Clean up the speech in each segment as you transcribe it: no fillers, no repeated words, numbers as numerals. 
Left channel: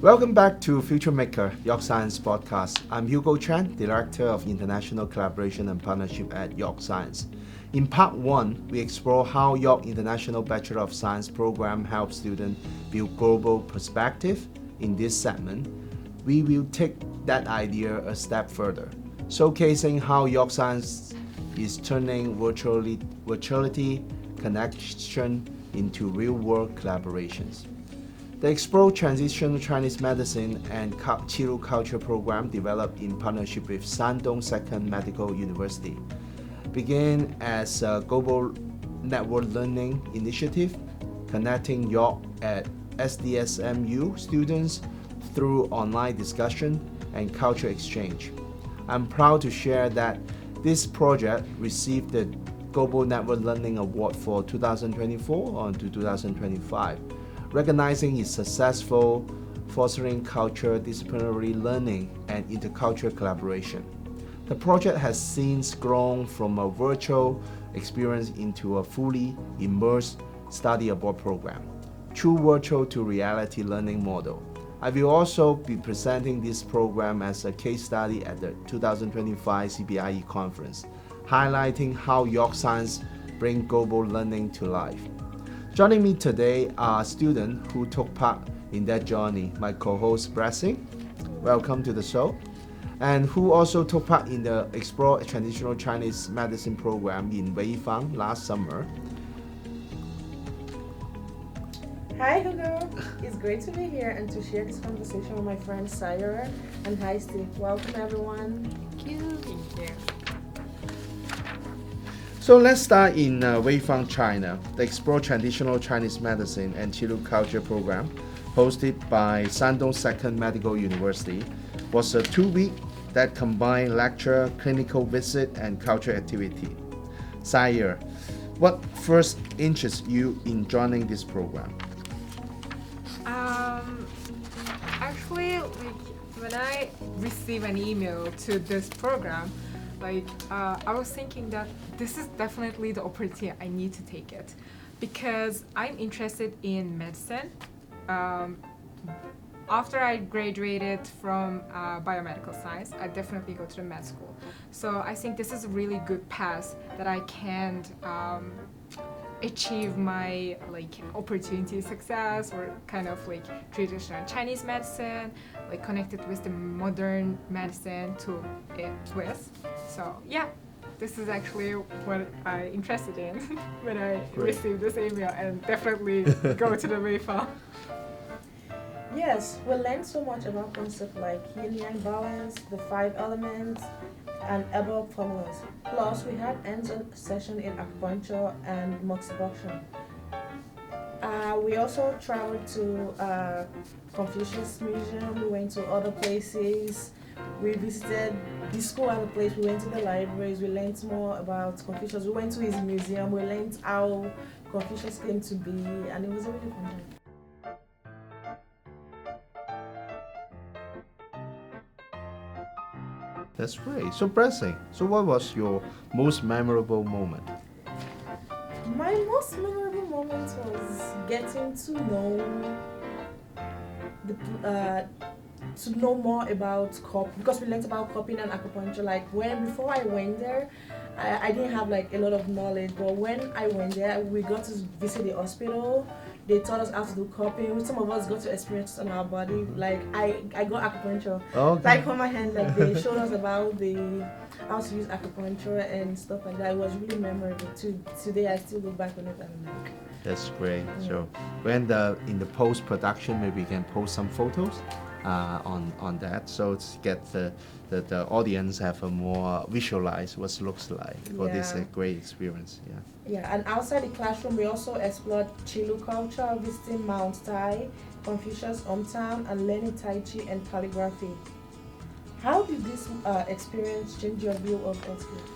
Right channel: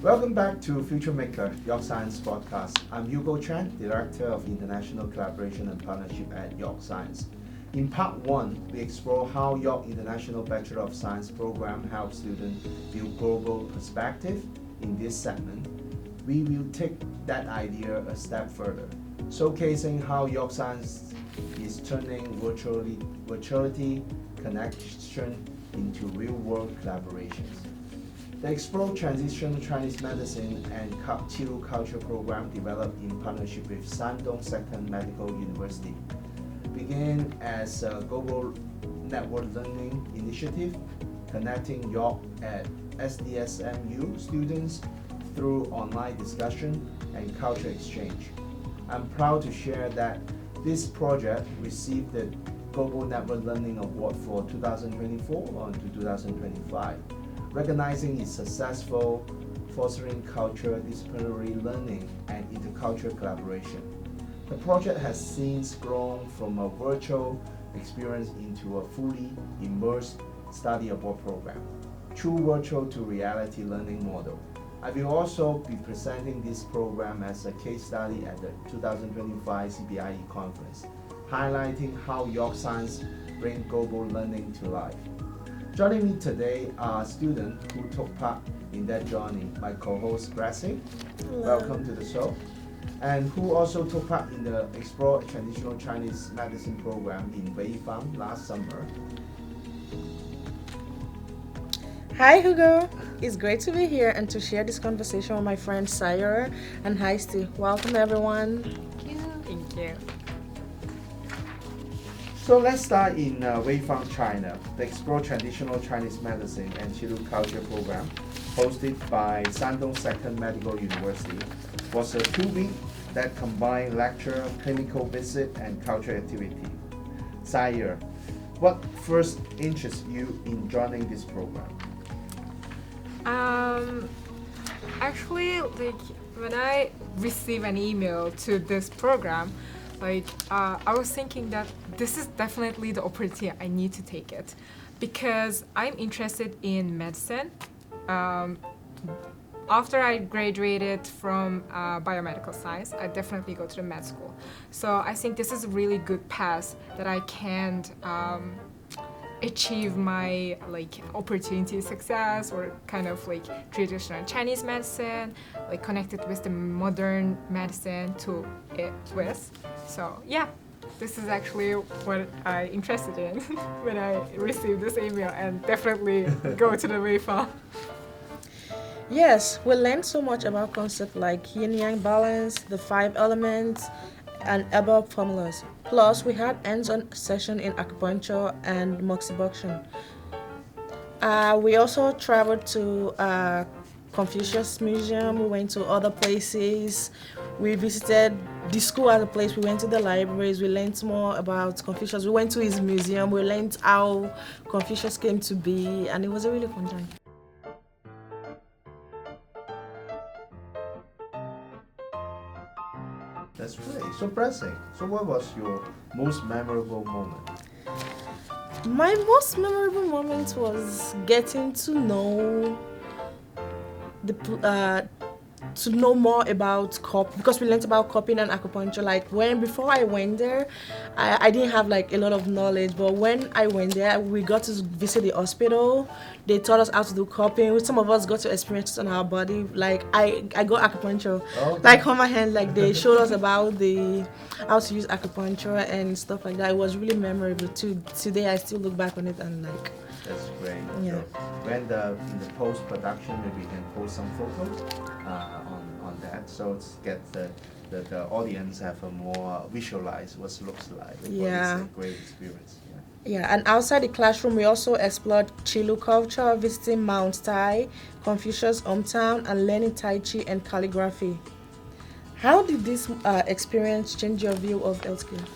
Welcome back to Future Maker, York Science Podcast. I'm Hugo Chan, Director of International Collaboration and Partnership at York Science. In part 1, we explore how York International Bachelor of Science program helps students build global perspective. In this segment, we will take that idea a step further, showcasing how York Science is turning virtuality connection into real-world collaborations. The Explore Transitional Chinese Medicine and Qilu Culture program, developed in partnership with Shandong Second Medical University, began as a global network learning initiative, connecting York at SDSMU students through online discussion and culture exchange. I'm proud to share that this project received the Global Network Learning Award for 2024 on to 2025, recognizing its successful fostering culture, disciplinary learning, and intercultural collaboration. The project has since grown from a virtual experience into a fully immersed study abroad program, true virtual to reality learning model. I will also be presenting this program as a case study at the 2025 CBIE conference, highlighting how York Science brings global learning to life. Joining me today are students who took part in that journey. My co-host Blessing, welcome to the show, and who also took part in the Explore Traditional Chinese Medicine program in Weifang last summer. Hi Hugo, it's great to be here and to share this conversation with my friends Saiyire and Hasti. Welcome everyone. Thank you. So let's start in Weifang, China. The Explore Traditional Chinese Medicine and Qilu Culture program, hosted by Shandong Second Medical University, was a 2-week that combined lecture, clinical visit, and culture activity. Saiyire, what first interested you in joining this program? Actually, when I received an email to this program, I was thinking that this is definitely the opportunity I need to take it, because I'm interested in medicine. After I graduated from biomedical science, I definitely go to the med school. So I think this is a really good path that I can achieve my opportunity success, or kind of traditional Chinese medicine, connected with the modern medicine to it with. So yeah, this is actually what I interested in when I received this email, and definitely go to the Weifang. Yes, we learned so much about concepts like yin-yang balance, the 5 elements, and herbal formulas. Plus, we had hands-on session in acupuncture and moxibustion. We also traveled to Confucius Museum. We went to other places. We visited the school as a place. We went to the libraries. We learned more about Confucius. We went to his museum. We learned how Confucius came to be, and it was a really fun journey. That's great. So Blessing, so what was your most memorable moment? My most memorable moment was getting to know more about because we learned about cupping and acupuncture. Before I went there, I didn't have a lot of knowledge, but when I went there, we got to visit the hospital. They taught us how to do cupping. Some of us got to experience it on our body. I got acupuncture, on my hand. They showed us about how to use acupuncture and stuff like that. It was really memorable too. Today I still look back on it and That's great. Yeah. So when in the post production, maybe we can post some photos on that, so it's get the audience have a more visualize what it looks like. But it's a great experience. Yeah, and outside the classroom, we also explored Qilu culture, visiting Mount Tai, Confucius' hometown, and learning Tai Chi and calligraphy. How did this experience change your view of healthcare?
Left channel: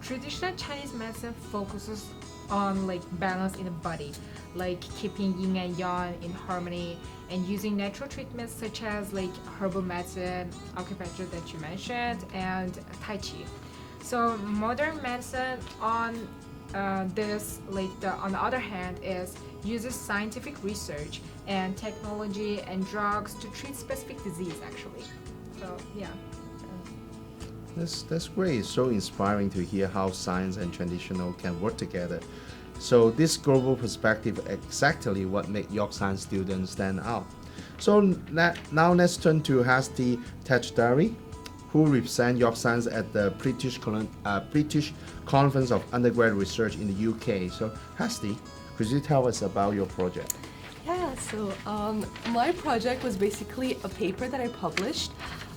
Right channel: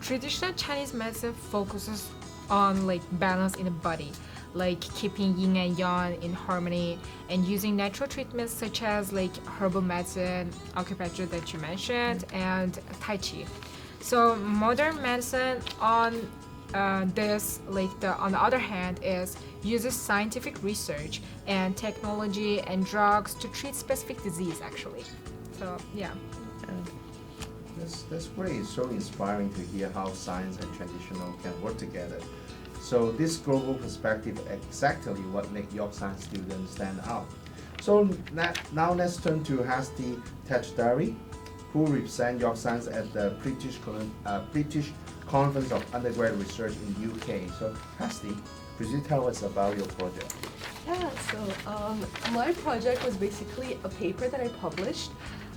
Traditional Chinese medicine focuses on balance in the body, keeping yin and yang in harmony, and using natural treatments such as herbal medicine, acupuncture that you mentioned, and Tai Chi. So modern medicine, on this, on the other hand, is uses scientific research and technology and drugs to treat specific disease, actually. So, yeah. That's great. It's so inspiring to hear how science and traditional can work together. So this global perspective exactly what makes York Science students stand out. So now let's turn to Hasti Tajdari, who represents York Science at the British Conference of Undergraduate Research in the UK. So Hasti, could you tell us about your project? Yeah, so my project was basically a paper that I published,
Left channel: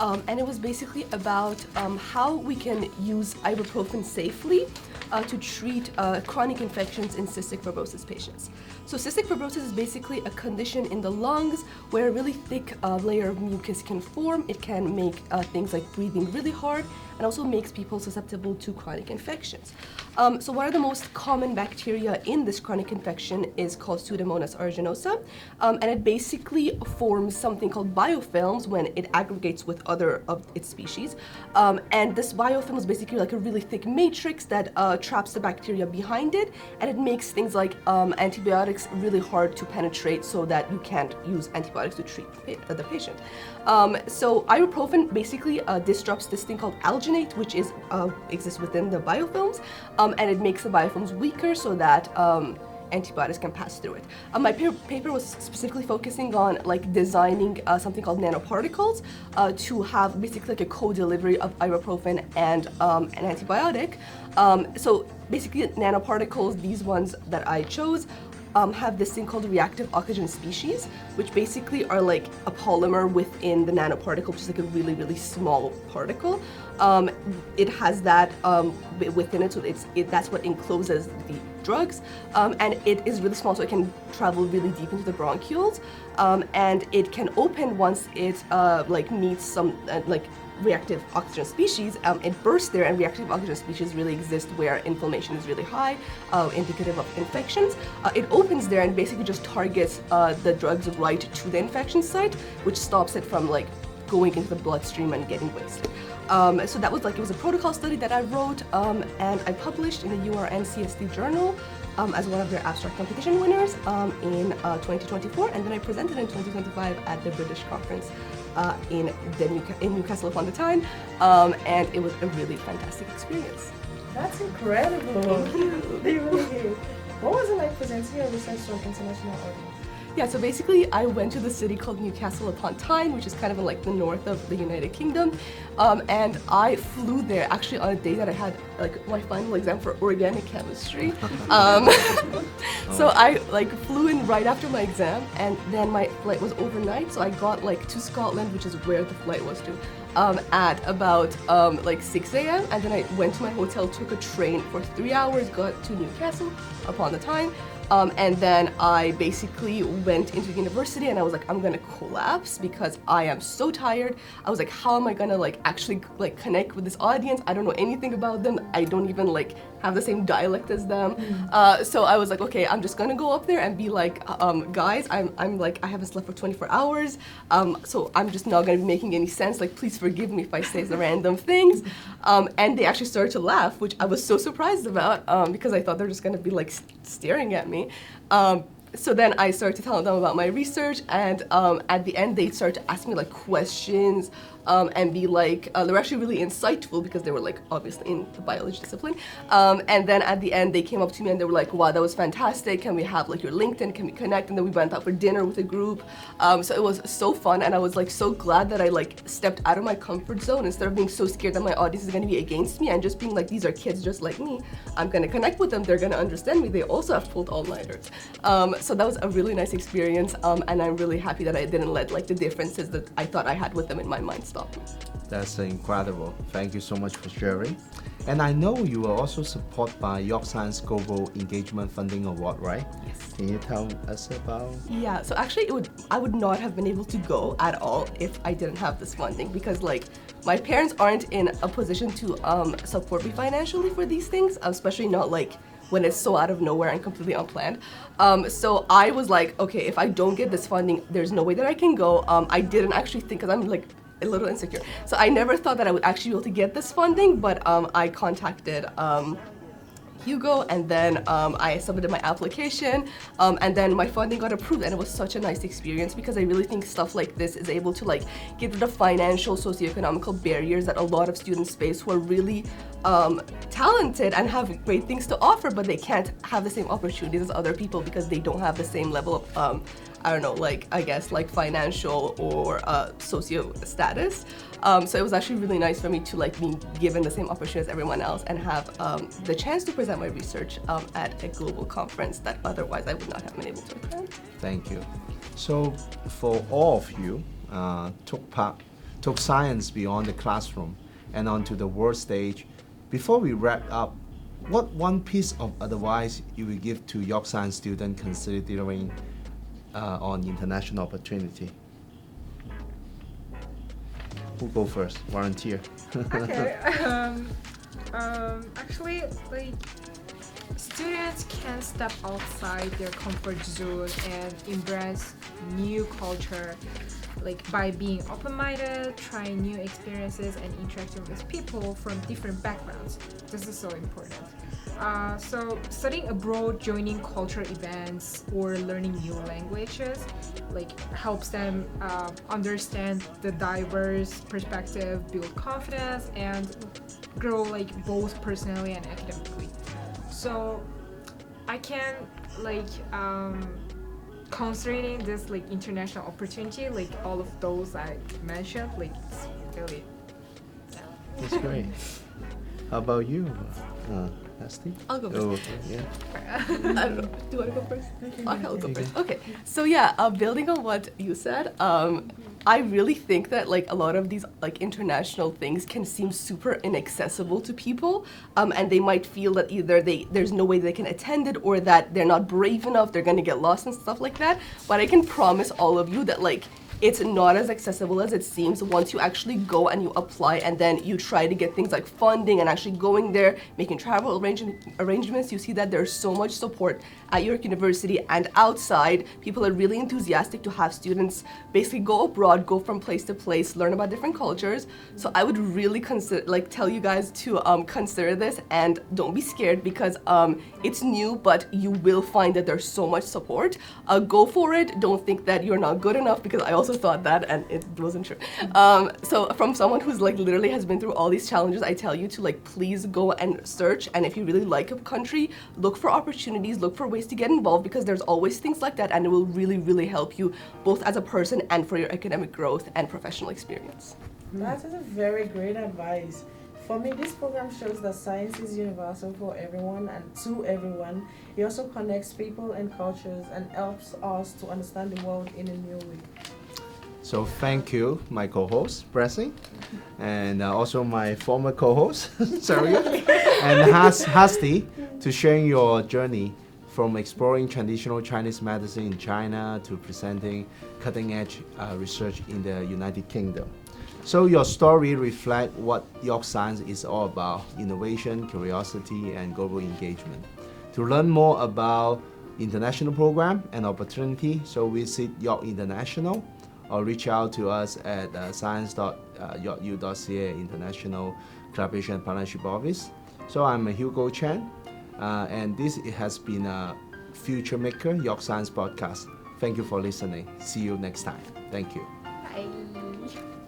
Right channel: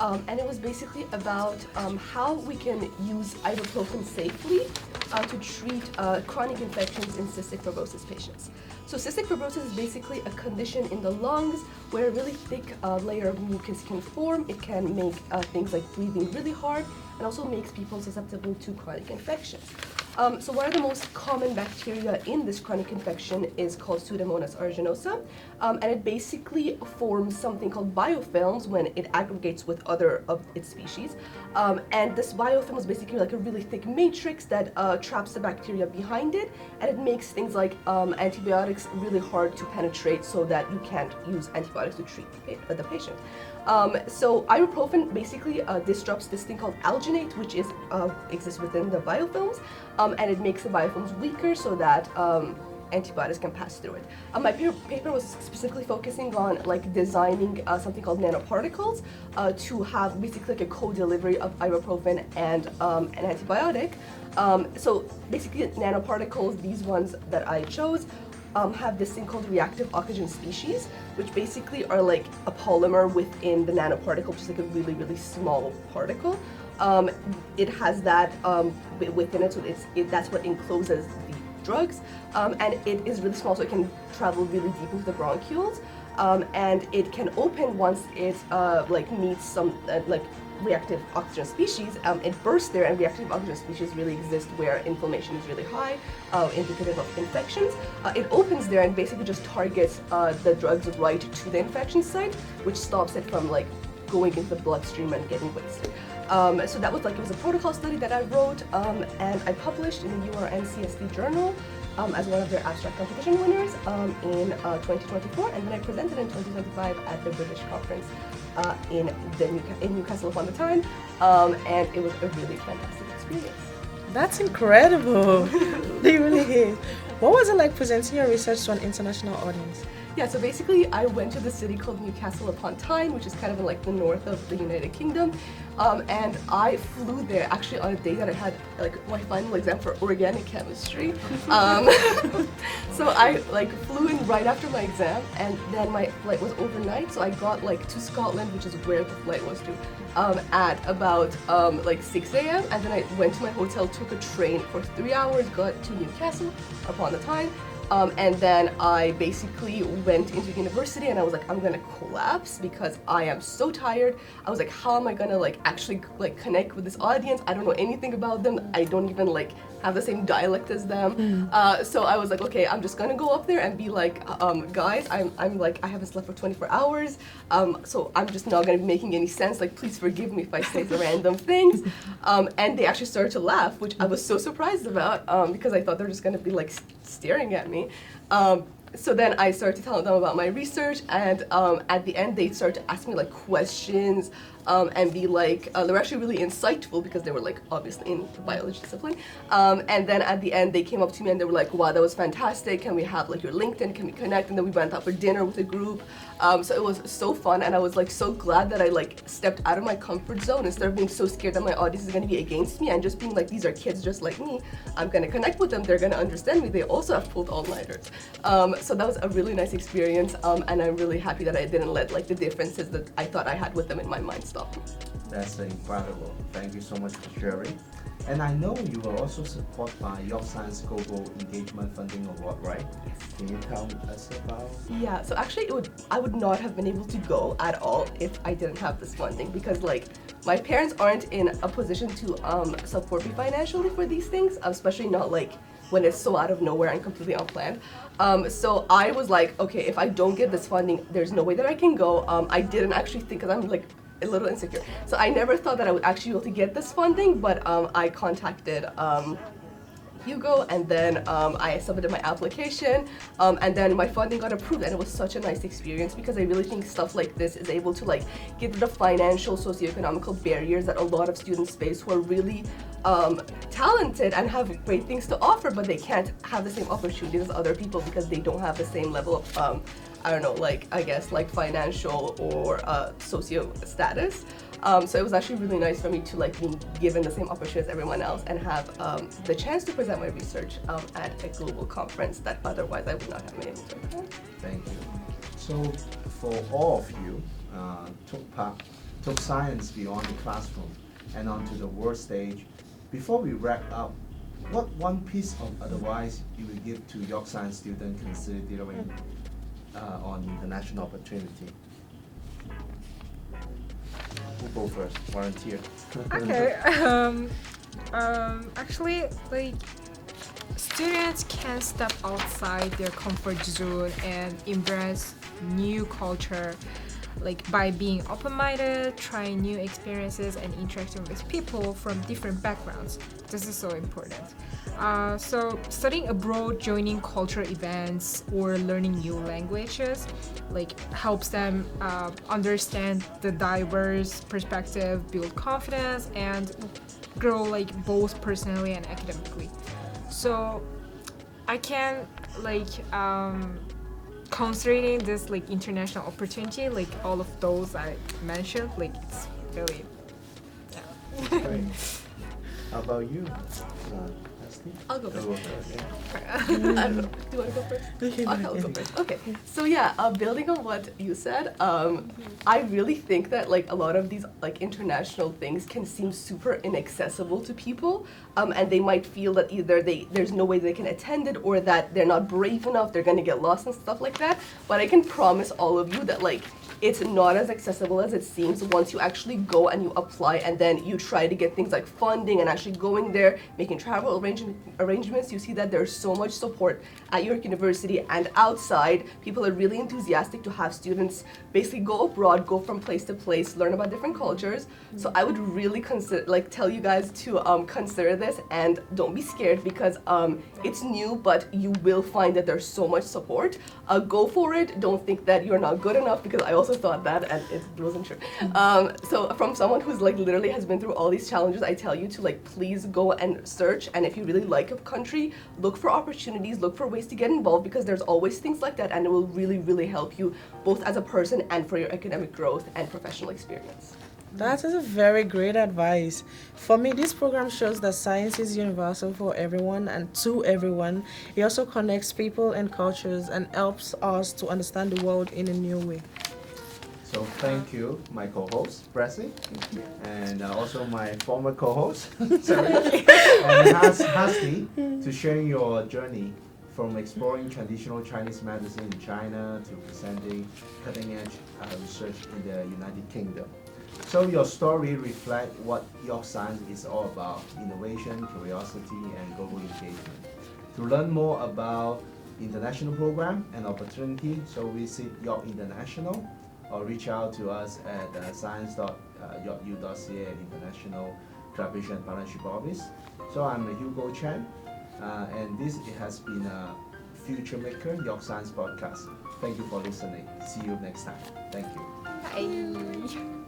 and it was basically about how we can use ibuprofen safely to treat chronic infections in cystic fibrosis patients. So cystic fibrosis is basically a condition in the lungs where a really thick layer of mucus can form. It can make things like breathing really hard, and also makes people susceptible to chronic infections. So one of the most common bacteria in this chronic infection is called Pseudomonas aeruginosa, and it basically forms something called biofilms when it aggregates with other of its species. And this biofilm is basically like a really thick matrix that traps the bacteria behind it, and it makes things like antibiotics really hard to penetrate so that you can't use antibiotics to treat the patient. So ibuprofen basically disrupts this thing called alginate, which exists within the biofilms, and it makes the biofilms weaker so that antibiotics can pass through it. My paper was specifically focusing on designing something called nanoparticles to have basically a co-delivery of ibuprofen and an antibiotic. So basically nanoparticles, these ones that I chose, have this thing called reactive oxygen species, which basically are like a polymer within the nanoparticle, which is like a really, really small particle. It has that within it, so that's what encloses the drugs, and it is really small, so it can travel really deep into the bronchioles, and it can open once it meets some reactive oxygen species. It bursts there, and reactive oxygen species really exist where inflammation is really high, indicative of infections. It opens there and basically just targets the drugs right to the infection site, which stops it from going into the bloodstream and getting wasted. So that was it was a protocol study that I wrote and I published in the URN-CST journal as one of their abstract competition winners in 2024, and then I presented in 2025 at the British conference in Newcastle upon the Tyne, and it was a really fantastic experience. That's incredible. They really did. What was it like presenting your research to an international audience? Yeah, so basically I went to the city called Newcastle upon Tyne, which is kind of in the north of the United Kingdom, and I flew there actually on a day that I had my final exam for organic chemistry. So I flew in right after my exam, and then my flight was overnight, so I got to Scotland, which is where the flight was to, at about 6 a.m. and then I went to my hotel, took a train for 3 hours, got to Newcastle upon the Tyne. And then I basically went into the university, and I was I'm gonna collapse because I am so tired. I was how am I gonna actually connect with this audience? I don't know anything about them. I don't even have the same dialect as them. So I was okay, I'm just gonna go up there and be guys, I haven't slept for 24 hours, so I'm just not gonna be making any sense. Please forgive me if I say the random things. And they actually started to laugh, which I was so surprised about because I thought they were just gonna be staring at me. So then I started to tell them about my research, and at the end they started to ask me questions and be they were actually really insightful because they were obviously in the biology discipline. And then at the end they came up to me and they were wow, that was fantastic. Can we have your LinkedIn? Can we connect? And then we went out for dinner with a group. So it was so fun, and I was so glad that I stepped out of my comfort zone instead of being so scared that my audience is going to be against me, and just being these are kids just like me. I'm going to connect with them. They're going to understand me. They also have pulled all-nighters. So that was a really nice experience, and I'm really happy that I didn't let the differences that I thought I had with them in my mind stop me. That's incredible. Thank you so much for sharing. And I know you were also supported by York Science Global Engagement Funding Award, right? Yes. Can you tell us about? Yeah, so actually I would not have been able to go at all if I didn't have this funding, because my parents aren't in a position to support me financially for these things, especially not when it's so out of nowhere and completely unplanned. So I was okay, if I don't get this funding, there's no way that I can go. I didn't actually think, because I'm a little insecure. So I never thought that I would actually be able to get this funding, but I contacted Hugo, and then I submitted my application, and then my funding got approved, and it was such a nice experience because I really think stuff like this is able to like get the financial, socioeconomical barriers that a lot of students face who are really talented and have great things to offer, but they can't have the same opportunities as other people because they don't have the same level of I don't know, like I guess like financial or socio status. So it was actually really nice for me to like be given the same opportunity as everyone else and have the chance to present my research at a global conference that otherwise I would not have been able to attend. Thank you. So for all of you, took science beyond the classroom and onto the world stage. Before we wrap up, what one piece of advice you would give to York Science students considering on international opportunity? Who go first? Volunteer. Okay. Actually, like students can step outside their comfort zone and embrace new culture, like by being open-minded, trying new experiences, and interacting with people from different backgrounds. This is so important. So studying abroad, joining cultural events, or learning new languages, like helps them understand the diverse perspective, build confidence, and grow like both personally and academically. So I can like considering this like international opportunity, like all of those I mentioned, like it's really That's great. How about you, Hasti? I'll go first. Oh, yeah. I don't know. Do you want to go first? I'll go first. Okay. So yeah, building on what you said, I really think that like a lot of these like international things can seem super inaccessible to people, and they might feel that either there's no way they can attend it or that they're not brave enough, they're gonna get lost and stuff like that. But I can promise all of you that like it's not as accessible as it seems once you actually go and you apply and then you try to get things like funding and actually going there, making travel arrangements. You see that there's so much support at York University and outside. People are really enthusiastic to have students basically go abroad, go from place to place, learn about different cultures. So I would really tell you guys to consider this and don't be scared because it's new, but you will find that there's so much support. Go for it. Don't think that you're not good enough because I also thought that and it wasn't true. So from someone who's like literally has been through all these challenges, I tell you to like please go and search, and if you really like a country, look for opportunities, look for ways to get involved because there's always things like that and it will really, really help you both as a person and for your academic growth and professional experience. That is a very great advice. For me, this program shows that science is universal for everyone and to everyone. It also connects people and cultures and helps us to understand the world in a new way. So thank you, my co-host, Blessing, and also my former co-host, sorry, and Hasti, to sharing your journey from exploring traditional Chinese medicine in China to presenting cutting-edge research in the United Kingdom. So your story reflects what York Science is all about: innovation, curiosity, and global engagement. To learn more about international program and opportunity, so visit York International or reach out to us at science.yorku.ca International Collaboration and Partnership Office. So I'm Hugo Chen, and this has been a Future Maker York Science podcast. Thank you for listening. See you next time. Thank you. bye.